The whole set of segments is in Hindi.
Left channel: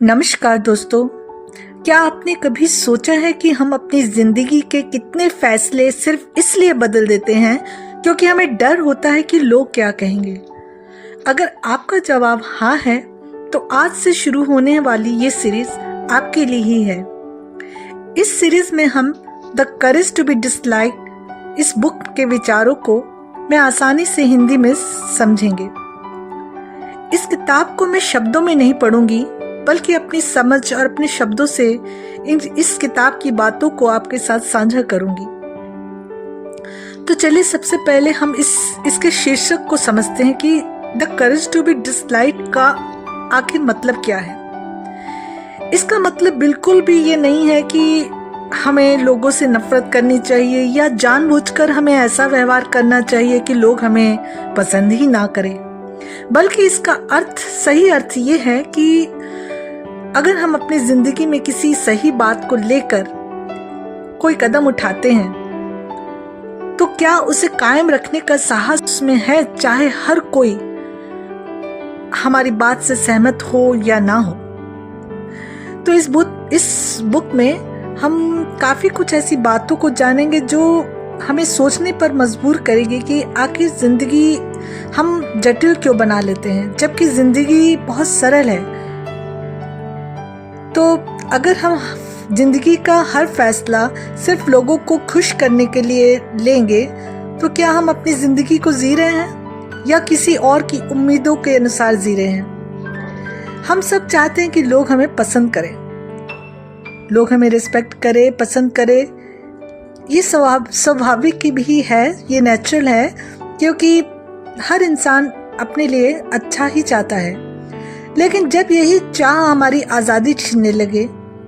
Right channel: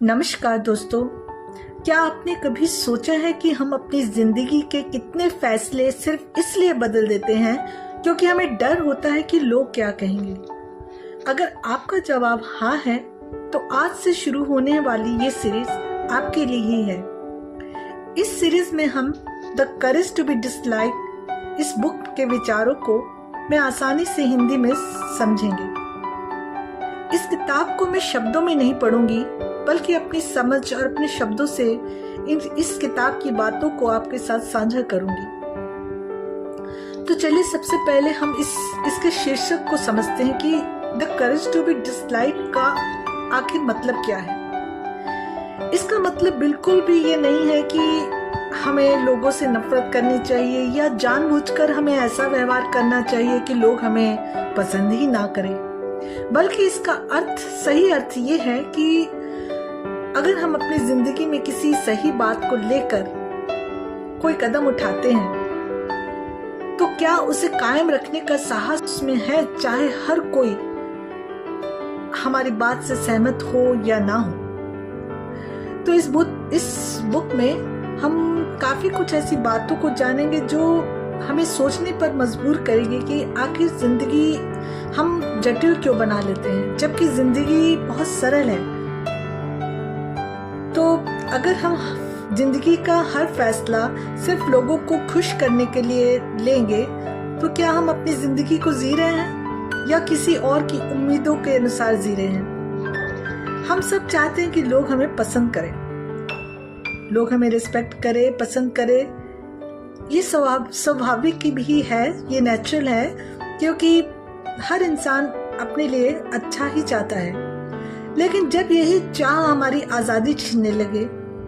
नमस्कार दोस्तों। क्या आपने कभी सोचा है कि हम अपनी जिंदगी के कितने फैसले सिर्फ इसलिए बदल देते हैं क्योंकि हमें डर होता है कि लोग क्या कहेंगे? अगर आपका जवाब हाँ है तो आज से शुरू होने वाली ये सीरीज आपके लिए ही है। इस सीरीज में हम the courage to be dislike इस बुक के विचारों को मैं आसानी से हिंदी में समझेंगे। इस किताब को मैं शब्दों में नहीं पढ़ूंगी बल्कि अपनी समझ और अपने शब्दों से इस किताब की बातों को आपके साथ साझा करूंगी। तो चलिए सबसे पहले हम इसके शीर्षक को समझते हैं कि the courage to be dislike का आखिर मतलब क्या है। इसका मतलब बिल्कुल भी ये नहीं है कि हमें लोगों से नफरत करनी चाहिए या जानबूझकर हमें ऐसा व्यवहार करना चाहिए कि लोग हमें पसंद ही ना करें, बल्कि इसका सही अर्थ ये है कि अगर हम अपनी जिंदगी में किसी सही बात को लेकर कोई कदम उठाते हैं तो क्या उसे कायम रखने का साहस उसमें है, चाहे हर कोई हमारी बात से सहमत हो या ना हो। तो इस बुक में हम काफी कुछ ऐसी बातों को जानेंगे जो हमें सोचने पर मजबूर करेगी कि आखिर जिंदगी हम जटिल क्यों बना लेते हैं जबकि जिंदगी बहुत सरल है। तो अगर हम जिंदगी का हर फैसला सिर्फ लोगों को खुश करने के लिए लेंगे तो क्या हम अपनी जिंदगी को जी रहे हैं या किसी और की उम्मीदों के अनुसार जी रहे हैं? हम सब चाहते हैं कि लोग हमें पसंद करें, लोग हमें रिस्पेक्ट करें, पसंद करें। ये स्वाभाविक भी है, ये नेचुरल है, क्योंकि हर इंसान अपने लिए अच्छा ही चाहता है। लेकिन जब यही चाह हमारी आज़ादी छीनने लगे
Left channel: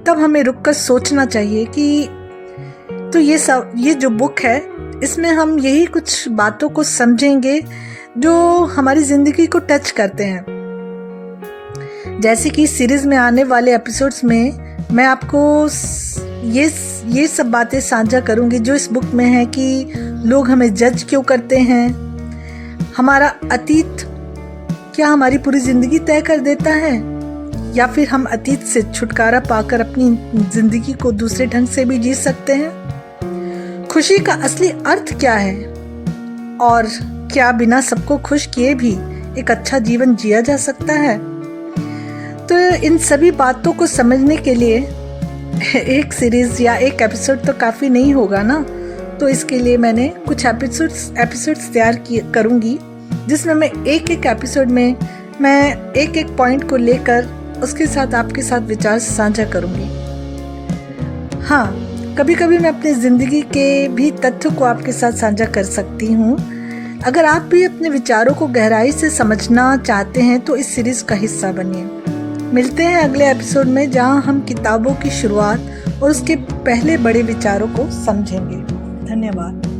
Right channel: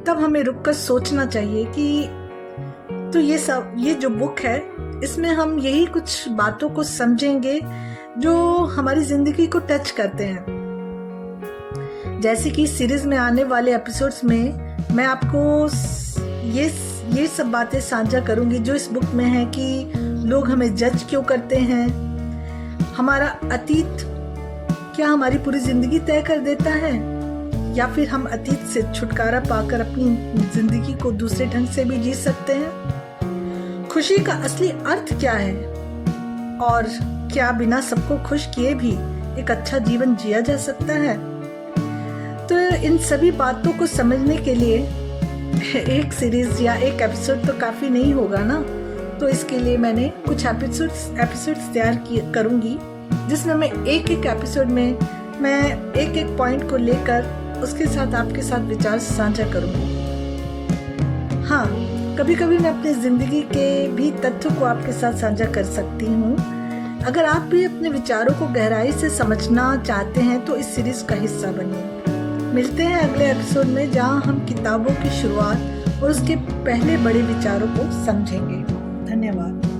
तब हमें रुककर सोचना चाहिए कि तो ये जो बुक है इसमें हम यही कुछ बातों को समझेंगे जो हमारी ज़िंदगी को टच करते हैं। जैसे कि सीरीज़ में आने वाले एपिसोड्स में मैं आपको ये सब बातें साझा करूंगी जो इस बुक में है कि लोग हमें जज क्यों करते हैं, हमारा अतीत क्या हमारी पूरी जिंदगी तय कर देता है या फिर हम अतीत से छुटकारा पाकर अपनी जिंदगी को दूसरे ढंग से भी जी सकते हैं। खुशी का असली अर्थ क्या है और क्या बिना सबको खुश किए भी एक अच्छा जीवन जिया जा सकता है? तो इन सभी बातों को समझने के लिए एक सीरीज या एक एपिसोड तो काफी नहीं होगा ना। तो इसके लिए मैंने कुछ एपिसोड्स तैयार करूंगी जिसमें मैं एक एपिसोड में मैं एक पॉइंट को लेकर उसके साथ आपके साथ विचार साझा करूंगी। हाँ, कभी कभी मैं अपनी जिंदगी के भी तथ्यों को आपके साथ साझा कर सकती हूँ। अगर आप भी अपने विचारों को गहराई से समझना चाहते हैं तो इस सीरीज का हिस्सा बनिए। मिलते हैं अगले एपिसोड में जहाँ हम किताबों की शुरुआत और उसके पहले बड़े विचारों को समझेंगे। धन्यवाद।